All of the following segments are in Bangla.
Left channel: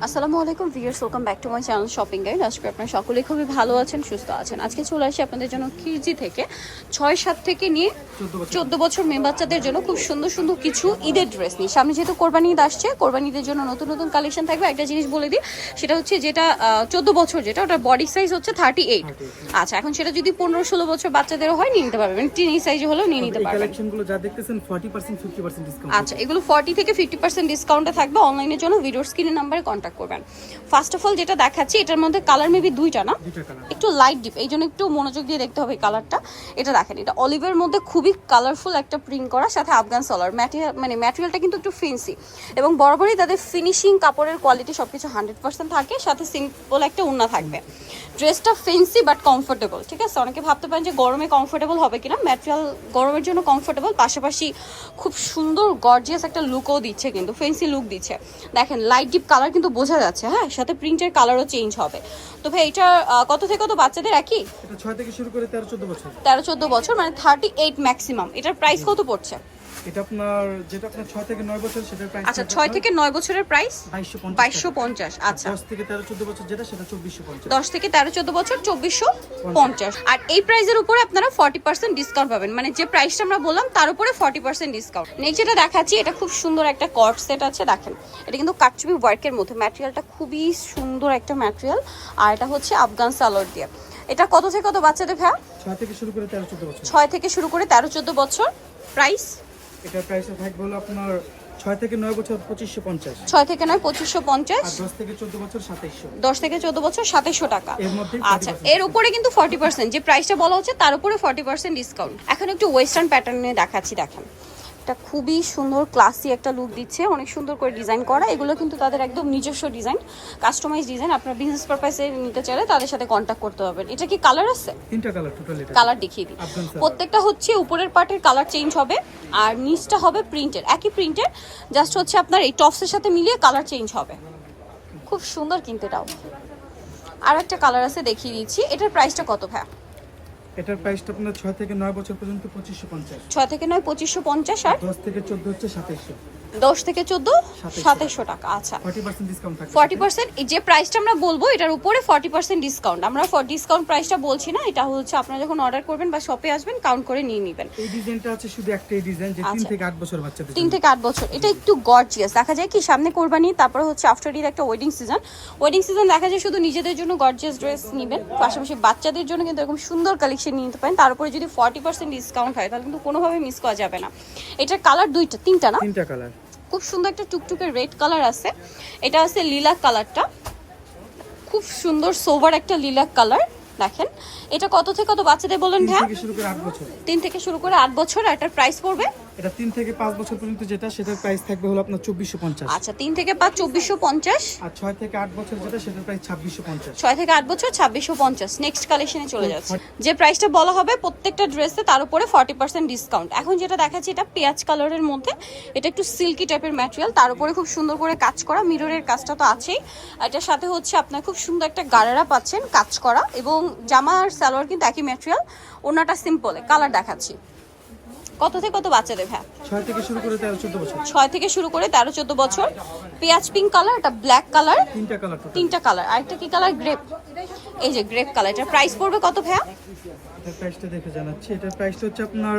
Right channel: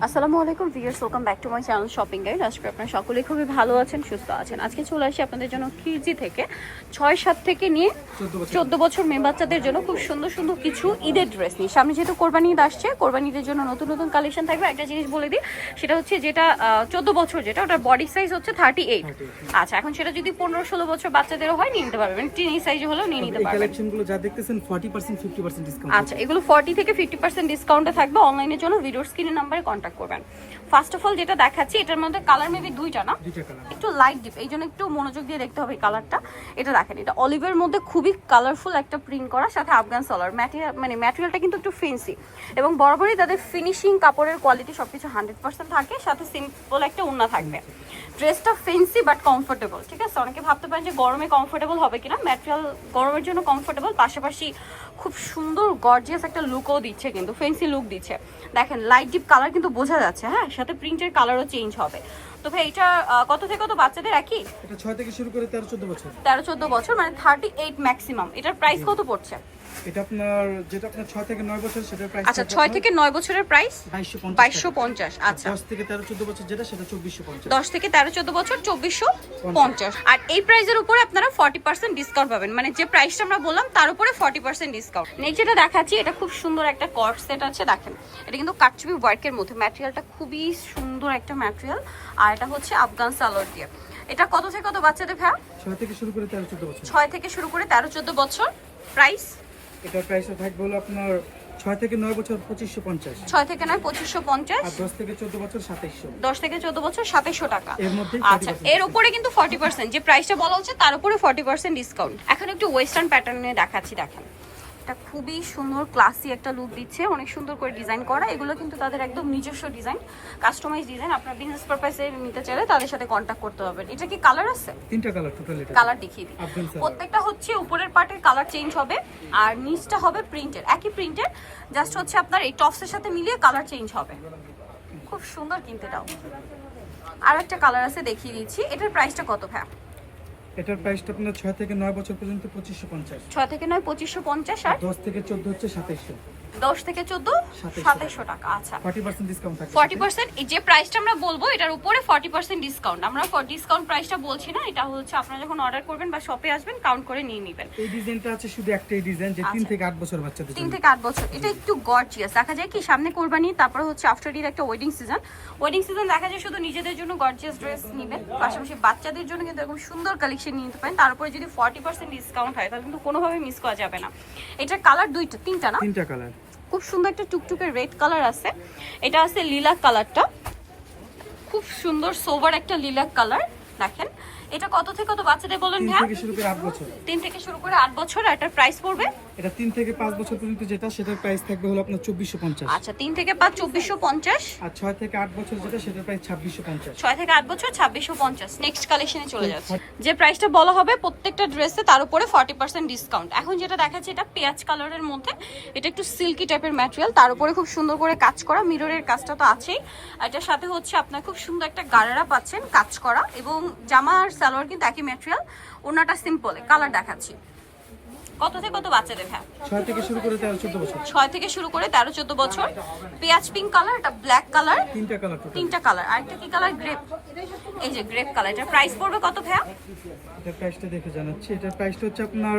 আসসালামু আলাইকুম viewers welcome back to my channel shopping guide. আজকে আপনারা সকলে খুবই ভালো আছেন সুস্থ আছেন। আজকে চলে আসি আপনাদের জন্য কিরজি থেকে ছয় সাত থেকে নিয়ে চোদ্দ বছর। মেয়ে বাচ্চাদের জন্য খুব সুন্দর সুন্দর কিছু ঈদের ড্রেস নিয়ে। সামনে যেহেতু কোরবানি ঈদ আসছে কোরবানি ঈদের জন্য নতুন নতুন কালেকশন থাকবে। একটা জিনিস বলে দিই সেটা হচ্ছে যেটা চোদ্দ বছর যেটা ওটার বডি সাইজ হচ্ছে থার্টি এইট আচ্ছা এখন সেটা যদি পনেরো ষোলো বছর বাচ্চাদেরও হয় নিয়ে নিতে পারবেন টিন সাইজ হলেও নিয়ে নিতে পারবেন যা দেখতেছেন 40% 50% ডিসকাউন্ট আচ্ছা এগুলো ফর্টি থেকে ফিফটি পার্সেন্ট ডিসকাউন্টে থাকবে অনলাইনের জন্য। ভিডিওর স্ক্রিনের নাম্বারে কন্ট্যাক্ট করবেন। ফার্স্ট অফ অল যেটা দেখাচ্ছি এটার মধ্যে কালার মেবি দুইটা না? একটু লাইট ডিপ এই জন্য একটু মনোযোগ দিয়ে দেখতে হবে এই কালারটা এটা দেখেন এটা অলিভের মধ্যে খুবই কালারফুল একটা প্রিন্ট করা সাথে আফগান সলার ম্যাটেরিয়াল মানে ম্যাটেরিয়ালটা কিন্তু একটু ফেন্সি এবং বরাবরই তাদের ফিনিশিং কাপড়ের কোয়ালিটি সব কিছু হান্ড্রেড পার্সেন্ট থাকে সাথে সিম্পল একটা উন্না থাকবে। ড্রেসটা ফেন্সি বাট কমফোর্টেবল ঠিক আছে? অনেকে ভাবতে পারেন যে গরমে কমফোর্টেবল হবে কিনা ম্যাটেরিয়াল গরমের জন্য কমফোর্টেবল পাশাপাশি খুব সুন্দর গর্জিয়াস একটা লুকও দিচ্ছে কিন্তু ফেন্সি লুক দিচ্ছে। দেখেন লাইট ডিপ কালার কিন্তু বোঝা যাচ্ছে হ্যাঁ সাথে প্রিন্টের কালারও চেঞ্জ হবে। তো ভাই এটা কত থেকে কত বাচ্চাদের একই? এটা 6 থেকে শুরু করে 13 14 বছর। তেরো চোদ্দ বছর মানে থার্টি এইট ম্যাক্সিমাম এটার প্রাইস কত পড়ছে? এটা আপনার যেটা আপনার 6 থেকে 9 বছর সেটার প্রাইস আচ্ছা ছয় থেকে নয় বছরের প্রাইস 2250 বাইশশো পঞ্চাশ আচ্ছা। 10 থেকে 13 14 বছর যেটা সেটা 2450 দশ থেকে তেরো চোদ্দ বছর চব্বিশশো পঞ্চাশ। আর এই প্রাইসের উপরে আপনারা ফর্টি পার্সেন্ট ডিসকাউন্ট পাবেন। মানে যে প্রাইসটা আমরা বললাম তার উপরে ফর্টি পার্সেন্ট ডিসকাউন্ট নেক্সট যেটা দেখাচ্ছি এটা খুব সুন্দর একটা কট সেট আছে দেখেন। এটা কিন্তু কাটচুপি ওয়ার্কের মধ্যে। ম্যাটেরিয়ালটা খুবই সুন্দর একটা ম্যাটেরিয়াল আর এটা হচ্ছে আফগান সালোয়ার দিয়ে। এটা কত থেকে কত বাচ্চাদের ভাই 6 থেকে শুরু করে 13 14 বছর। ছয় থেকে শুরু করে তেরো চোদ্দ বছর। প্রাইস এটার প্রাইসটা থাকবে হলো আপনার 6 থেকে 9 বছর 2550 ছয় থেকে নয় পঁচিশশো পঞ্চাশ। আর 10 থেকে 14 বছর 2700 দশ থেকে চোদ্দ বছর সাতাইশশো টাকা। এর মধ্যে আচ্ছা এর উপরে কিন্তু ফর্টি পার্সেন্ট যে প্রাইসটা বলা হচ্ছে তার উপরে ফর্টি পার্সেন্ট ডিসকাউন্ট এখন একটু ওয়েস্টার্ন প্যাটার্নে দেখাচ্ছি দেখেন। এটা খুবই সুন্দর ক্লাসি একটা লুক দিচ্ছে। অনেক সুন্দর করে ডিজাইন করা। এগুলো কিন্তু তাদের একদম নিজস্ব ডিজাইন কাস্টমাইজ ডিজাইন আপনার বিজনেস পারপাসে নিতে চাইলে তাদের সাথে কন্ট্যাক্ট করতে পারবেন। এটা কি কালার আছে? তিনটা কালার টোটাল কালার দেখিয়ে দিই। প্রত্যেকটা হচ্ছে উপরের পার্টের কালার চেঞ্জ হবে আর নিচটা হবে প্রিন্টের একই প্রিন্টের জাস্ট হচ্ছে আপনার এই টপসের সাথে মিলিয়ে কালার চেঞ্জ হবে। খুব সুন্দর কিন্তু এটাও। আর একটা কালার আছে দেখিয়ে দিচ্ছি। এটার প্রাইসটা কত ভাই এটার প্রাইসটা আপনার 6 থেকে 9 বছর পর্যন্ত 2550 ছয় থেকে নয় পঁচিশশো পঞ্চাশ আর 10 থেকে 14 হচ্ছে 2700 দশ থেকে চোদ্দ 2700 টাকা। আচ্ছা। 40% ডিসকাউন্ট থাকবে ফর্টি পার্সেন্ট যে প্রাইসটা আমরা বলব এটার উপরে ফর্টি পার্সেন্ট ডিসকাউন্ট আমরা ডিসকাউন্ট প্রাইসটা বলছি না এটা হচ্ছে আপনারা যখন অর্ডার করবেন বা শপে আসবেন কাউন্ট করে নিয়ে নেবেন। এই ডিজাইনটা আছে শুধু একটাই ডিজাইন যে 3 আচ্ছা। থেকে 8 বছর বাচ্চাদের তিন থেকে আট বছর এটা একটু গর্জিয়াস দেখা যায় কি সামনে কোরবানি তারপর হচ্ছে আফটার ঈদ একটা ওয়েডিং সিজন ওয়েডিং সিজন দেখা যায় শুধু নিজেদের জন্য গর্জিয়াস ড্রেস নেবেন পাশাপাশি বাচ্চাদের জন্য কিন্তু এরকম সুন্দর কালেকশন নিতে পারেন। তার উপরে যদি ফর্টি পার্সেন্ট ডিসকাউন্ট হয় তাহলে কিন্তু কোনোভাবে মিস করা যাবে না। এটার কালার দুইটা তিনটা না? তিনটা কালার খুব সুন্দর একটা টুকটুকে রেড কালার আছে। এটা আছে লিলা কালারটা। খুব সুন্দর সোভার একটা লিলাক কালার দেখেন। এটা কত থেকে কত বাচ্চাদের বলেন ভাই থেকে শুরু করে 8 বছর। তিন থেকে শুরু করে আট বছর আর এটার প্রাইস পড়বে এটা তিন থেকে পাঁচ বছর পর্যন্ত যেটা সেটার প্রাইস থাকবে হলো আপনার চব্বিশশো পঞ্চাশ। আচ্ছা তিন থেকে পাঁচ চব্বিশশো পঞ্চাশ? আর ছয় থেকে আট বছর যেটা সেটার প্রাইস ছাব্বিশশো পঞ্চাশ। ছয় থেকে আট বছর ছাব্বিশশো পঞ্চাশ। নেক্সট কালেকশনে চলে যাচ্ছে। যে প্রাইসটা বলা হবে প্রত্যেকটা ড্রেসে তার উপরে ফর্টি পার্সেন্ট ডিসকাউন্ট এখন যেটা দেখাচ্ছি এটা পেঁয়াজ কালারের মধ্যে। এটা একটু সিল্কি টাইপের ম্যাটেরিয়াল তার উপরে খুব সুন্দর করে কাজ করা মিররের কাজটা তো আছেই। আর এটার সাথে হচ্ছে আপনার খুব সুন্দর একটা গাড়ারা পাচ্ছেন কাজ করা। এবং জামা আর সালোয়ার কিন্তু একই ম্যাটেরিয়াল ওনাটা সিম্পলে কালার দেখাচ্ছি। কত থেকে কত বাচ্চাদের হ্যাঁ ছয় থেকে শুরু করে তেরো চোদ্দ বছর। ছয় থেকে শুরু করে তেরো চোদ্দ বছর। পেঁয়াজ পিঙ্ক কালার এটা ব্ল্যাক কালার তিনটা কালার তিনটা কালার আর একটা কি কালার গ্রেপ এই যে গ্রেপ কালার এটার প্রাইস পড়বে কত ভাইয়া? এটা প্রাইসটা দেখে জানাচ্ছি। এটা প্রাইসটা হচ্ছে আপনার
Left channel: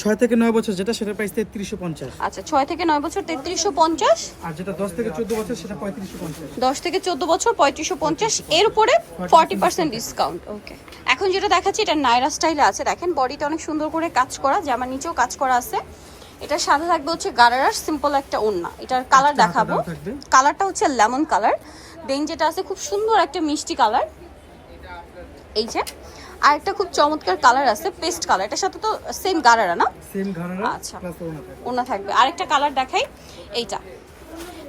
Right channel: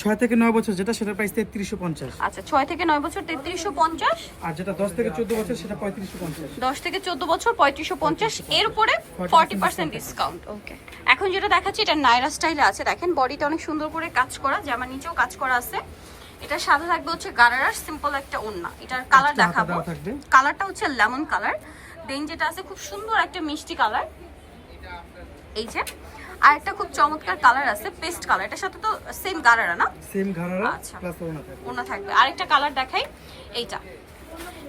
ছয় থেকে নয় বছর যেটা সেটার প্রাইস তেত্রিশশো পঞ্চাশ। আচ্ছা ছয় থেকে নয় বছর তেত্রিশশো পঞ্চাশ? আর যেটা দশ থেকে চোদ্দ বছর সেটা পঁয়ত্রিশশো পঞ্চাশ। দশ থেকে চোদ্দ বছর পঁয়ত্রিশশো পঞ্চাশ এর উপরে ফর্টি পার্সেন্ট ডিসকাউন্ট ওকে এখন যেটা দেখাচ্ছি এটা নাইরা স্টাইলে আছে। দেখেন বডিটা অনেক সুন্দর করে কাজ করা জামার নিচেও কাজ করা আছে। এটা সাথে থাকবে হচ্ছে গারারার সিম্পল একটা ওন্না এটার কালার দেখাবো। কালারটা হচ্ছে লেমন কালার দেন যেটা আছে খুব সুন্দর একটা মিষ্টি কালার এই যে আর একটা খুব চমৎকার কালার আছে পেস্ট কালার এটার সাথে তো সেম গারারা না? সেম ঘাড়া আচ্ছা। প্লাস ওনা থাকবে। ওনা থাকবে। আরেকটা কালার দেখাই এইটা।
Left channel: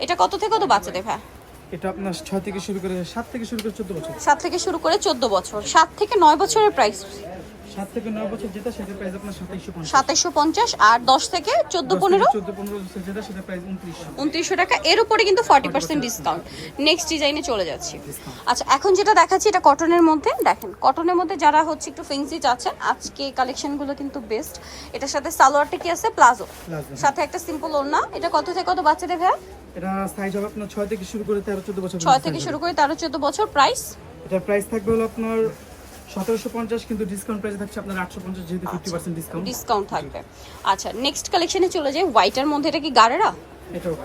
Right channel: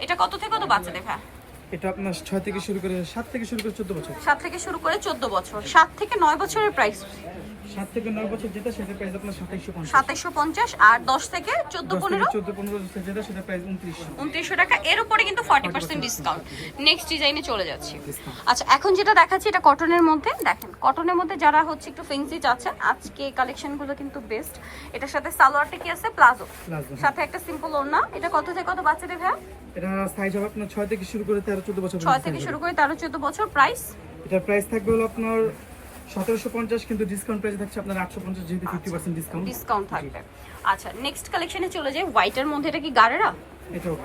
এটা কত থেকে কত বাচ্চা দেখা এটা আপনার 6 থেকে শুরু করে 7 থেকে শুরু করে চোদ্দ বছর। 7 থেকে শুরু করে চোদ্দ বছর। 7 থেকে 9 বছরের প্রাইস সাত থেকে নয় বছর যেটা সেটার প্রাইস আপনার সাতাইশশো পঞ্চাশ। সাতাশশো পঞ্চাশ আর দশ থেকে চোদ্দ পনেরো? চোদ্দ পনেরো বছর যেটা সেটার প্রাইস উনত্রিশশো। উনত্রিশশো টাকা। এর উপরে কিন্তু ফর্টি পার্সেন্ট ডিসকাউন্ট নেক্সট ডিজাইনে চলে যাচ্ছে। আচ্ছা এখন যেটা দেখাচ্ছি এটা কটনের মধ্যে। দেখেন কটনের মধ্যে যারা হচ্ছে একটু ফেন্সি চাচ্ছেন আজকে কালেকশনগুলো কিন্তু বেস্ট এটার সাথে সালোয়ারটা কি আছে? প্লাজো প্লাজো সাথে একটা সিম্পল ওড়না। এটা কত থেকে কত বাচ্চাদের ভাইয়া? এটা সাইজ হবে আপনার ছয় থেকে শুরু করে তেরো চোদ্দ বছর ছয় থেকে শুরু করে তেরো চোদ্দ বছর। প্রাইস এটার প্রাইস থাকবে হলো আপনার কিন্তু ডিসকাউন্ট প্রাইস থাকছে আপনার যেহেতু ডিসকাউন্ট ডিসকাউন্ট থাকবে। আচ্ছা নেক্সট কালেকশনে চলে যাই। হোয়াইটের মধ্যে এটা কি এটাও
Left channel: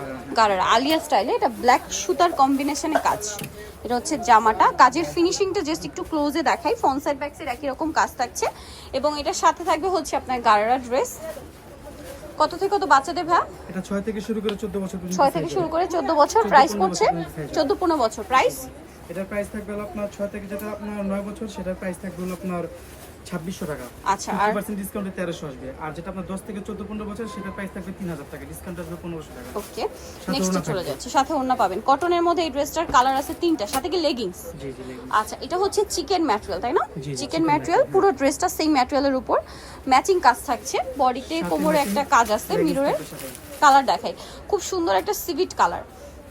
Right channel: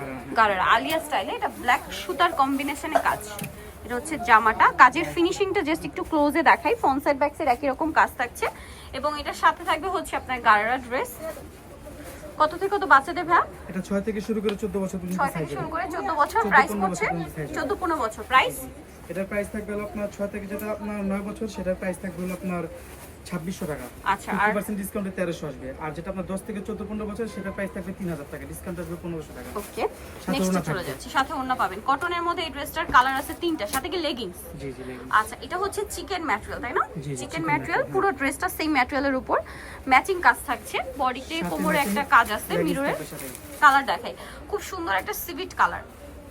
আলিয়া স্টাইলে এটা ব্ল্যাক সুতার কম্বিনেশনে কাজ। এটা হচ্ছে জামাটা। কাজের ফিনিশিংটা জাস্ট একটু ক্লোজে দেখাই। ফ্রন্ট সাইড ব্যাক সাইড একই রকম কাজ থাকছে। এবং এটার সাথে থাকবে হচ্ছে আপনার গারারা ড্রেস কত থেকে কত বাচ্চাদের ভ্যা এটা 6 থেকে শুরু করে চোদ্দ বছর পর্যন্ত 6 থেকে শুরু করে চোদ্দ বছর প্রাইস 15 পড়ছে। হবে। চোদ্দ পনেরো বছর প্রাইস এটার প্রাইস থাকবে আপনার 6 থেকে যেটা আপনার 9 বছর সেটার প্রাইস থাকবে আপনার ছাব্বিশশো টাকা। আচ্ছা ফিফটি পার্সেন্ট ডিসকাউন্টে তেরোশো আসবে। আর যেটা আপনার দশ থেকে চোদ্দ পনেরো বছর সেটার প্রাইস থাকবে তিন হাজার টাকা। ডিসকাউন্ট আসবে পনেরোশো টাকা। ওকে নেক্সট চলে যাচ্ছে। সাথে ওড়না পাবেন। কটনের মধ্যে এই ড্রেসটার কালার আছে তিনটা সাথে কি লেগিংস জি জি লেগিংস আচ্ছা এটা হচ্ছে চিকেন ম্যাটেরিয়াল তাই না? চিকেন ম্যাটেরিয়াল পুরো ড্রেসটা সেম ম্যাটেরিয়ালের উপর। ম্যাচিং কাজ থাকছে। বডিতে কোমরে একটা কাজ আছে মিররের কালার দেখাই। খুব সুন্দর একটা সিভিট কালার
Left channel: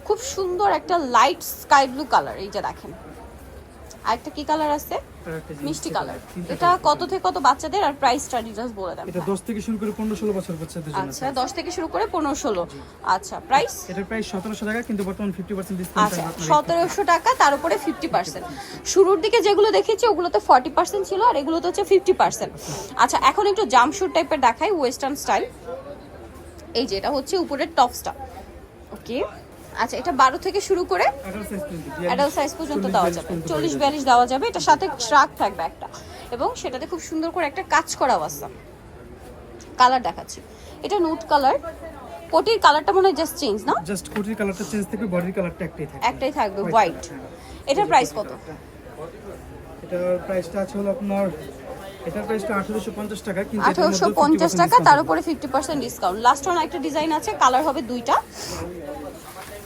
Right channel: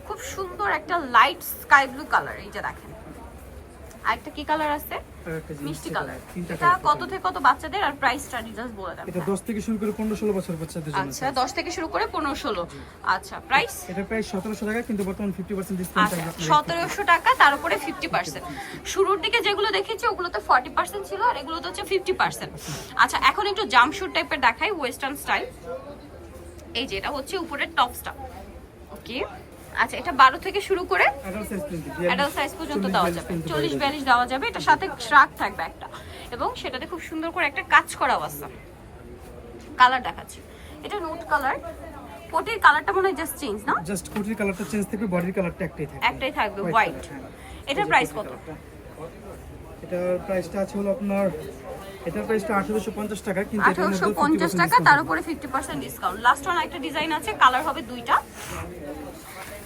খুব সুন্দর একটা লাইট স্কাই ব্লু কালার এই যে দেখেন। আরেকটা কি কালার আছে? মিষ্টি কালার। এটা কত থেকে কত বাচ্চাদের আর প্রাইসটা ডিটেলস বলে দেন। এটা দশ থেকে শুরু করে পনেরো ষোলো বছর বাচ্চাদের জন্য আচ্ছা দশ থেকে শুরু করে পনেরো ষোলো। আচ্ছা প্রাইস এটার প্রাইস টাকা কিন্তু বর্তমান ফিফটি পার্সেন্ট ডিসকাউন্ট সতেরোশো টাকা তার উপরে ফিফটি পার্সেন্ট শুরুর দিকে যেগুলো দেখেছি ওগুলোতে ফর্টি পার্সেন্ট ছিল আর এগুলোতে হচ্ছে ফিফটি পার্সেন্ট আচ্ছা এখন একটু জামশুট টাইপের দেখাই ওয়েস্টার্ন স্টাইল এই যে এটা হচ্ছে উপরের টপসটা ওকে আচ্ছা এটা বারো থেকে শুরু করে অ্যাডাল্ট সাইজ পর্যন্ত দেওয়া যাবে। চল্লিশ বিয়াল্লিশ দেওয়া যাবে। এটার সাথে শ্রাক থাকবে একটা। এবং সেটাতে খুব সুন্দর করে একটা কাজ করা আছে কালার দেখাচ্ছি। এটা নুট কালার কোটির কালারটা মনে হয় জাস্ট চেঞ্জ না? জাস্ট কোটির কালারটা চেঞ্জ থাকবে বডির কালারটা একটাই থাকবে। একটাই থাকবে হোয়াইট হ্যাঁ। এটার প্রাইস কত। এটার প্রাইসটা আছে হলো আপনার এটার প্রাইসটা আঠারোশো পঞ্চাশ টাকা কিন্তু এটার আঠারোশো পঞ্চাশ টাকা তার উপরে fifty percent discount last one একটা ডিজাইন আছে কালার হবে দুইটা।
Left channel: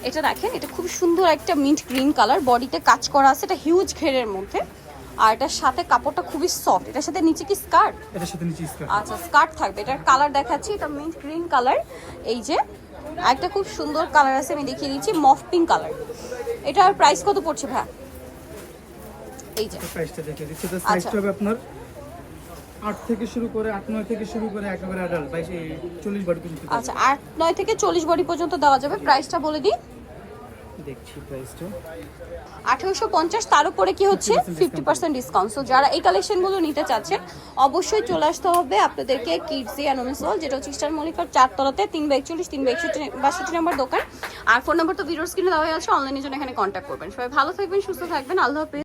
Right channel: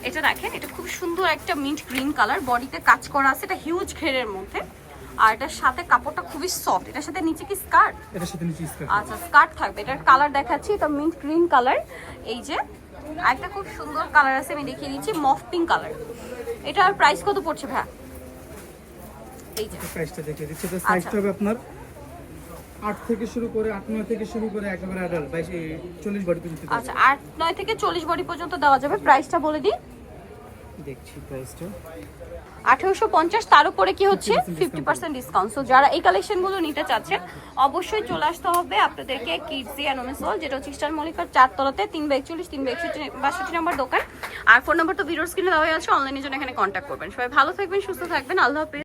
এটা দেখেন এটা খুব সুন্দর একটা মিন্ট গ্রিন কালার বডিতে কাজ করা আছে এটা হিউজ ঘেরের মধ্যে। আর এটার সাথে কাপড়টা খুবই সফট এটার সাথে নিচে কি স্কার্ট এটার সাথে নিচে স্কার্ট আচ্ছা স্কার্ট থাকবে। এটার কালার দেখাচ্ছি এটা মিন্ট গ্রিন কালার এই যে একটা খুব সুন্দর কালার আছে আমি দেখিয়ে দিচ্ছি মফ পিঙ্ক কালার এটার প্রাইস কত পড়ছে ভাই এই যে। প্রাইসটা দেখে দিচ্ছি। এটা আচ্ছা। সাইজটা হবে আপনার আট থেকে শুরু করে আট নয় থেকে শুরু করে একেবারে অ্যাডাল্ট বাইশ চল্লিশ বডি পর্যন্ত আচ্ছা আট নয় থেকে চল্লিশ বডি পর্যন্ত দেওয়া যাবে। প্রাইসটা বলে দিই। দেখছি প্রাইসটা আঠারোশো পঞ্চাশ তার উপরে কি হচ্ছে? ফিফটি পার্সেন্ট ডিসকাউন্ট সো যারা এই কালেকশনগুলো নিতে চাচ্ছেন অবশ্যই চলে আসতে হবে আপনাদেরকে কিডসি অ্যান্ড যেটা হচ্ছে স্টার মলিকার চারতলাতে তিন বা একচল্লিশ তিন বা একষট্টি বাষট্টি নম্বর দোকান। আর ফোন নম্বর তো ভিডিওর স্ক্রিনে দেওয়া আছে অনলাইনের জন্য এখানে কন্ট্যাক্ট করবেন। সবাই ভালো থাকবেন সুস্থ থাকবেন। আল্লাহ হাফিজ।